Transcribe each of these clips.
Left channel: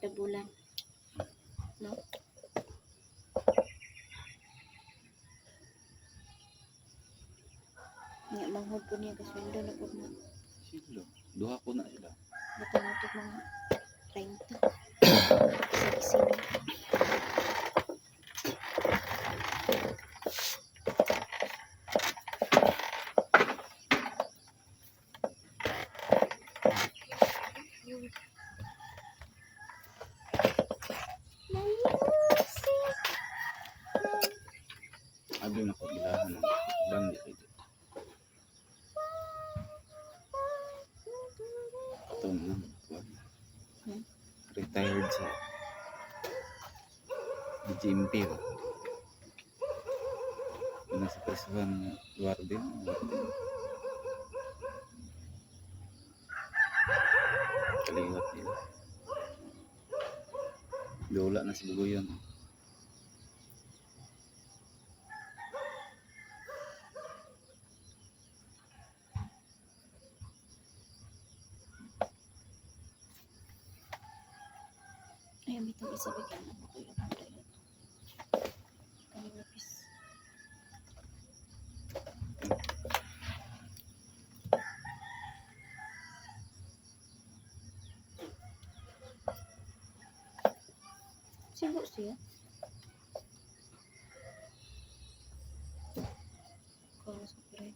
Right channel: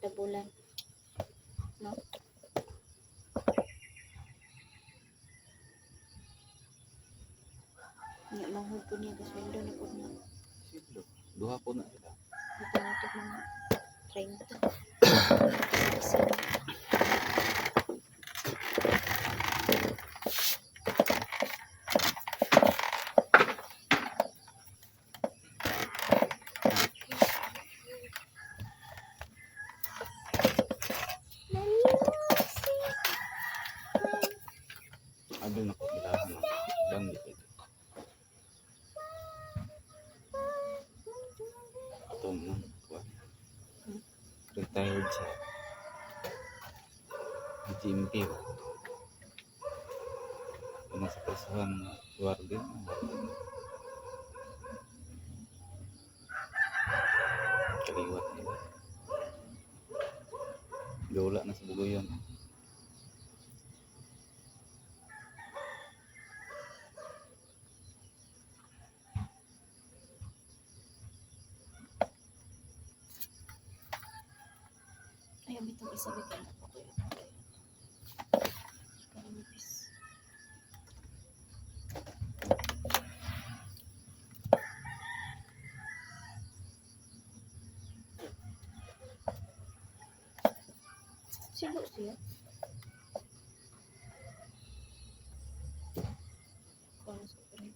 dabulan. No? Nga manghod po niya kasweldo na po na. Silo. Duha ko na sila. Dito na ito mga 30. Isa. Ado na ko bilahan ng bandi kayo. Ito mo. Retired sa GMP ba? Nasa prisuhan Guardia. Kaliwat nila. Dola na si Bugoyan. Ay, bitong isa bigyan ako ko yun. Kanipis. Sigo siya. Kalau sa piray.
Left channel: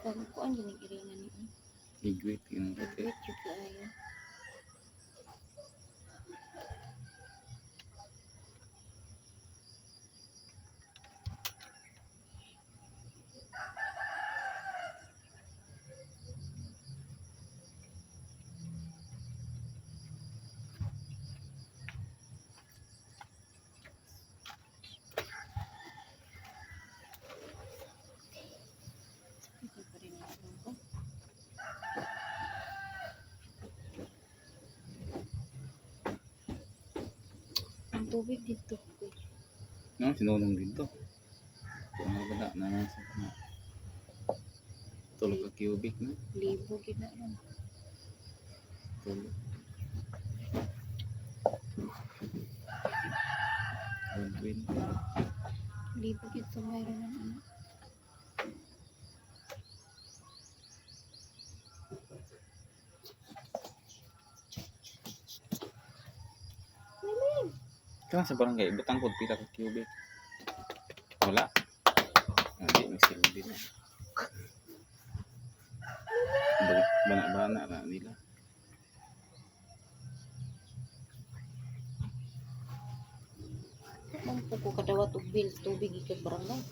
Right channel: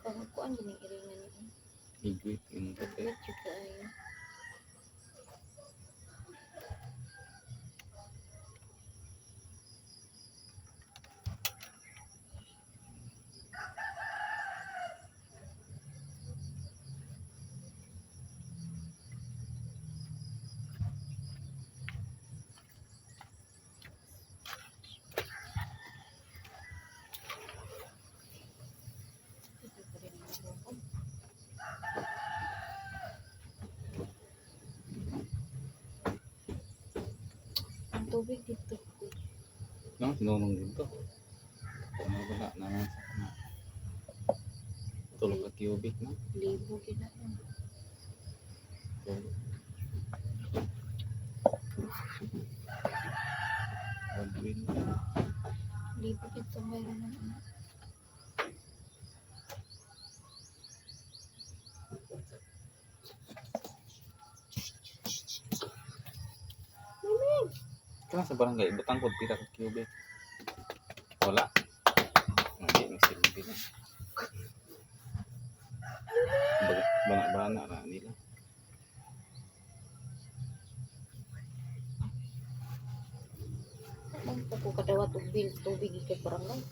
Kalau ko ang ginigiringan niya. Higwit yung kate. Higwit juga ayo. Ang tubig dito. No, sinunong dito. Kung wala na nasa na. Tulog ka cubic na. Libo gina yan. Tulog. Win. Libo dito mayroon ng ano. Kaya sa barangay, butang ko pila ka cubic. Wala. Hindi, may silbi na. Bana-bana na nila. Kung po kadawat og bill tubig ikat barangay.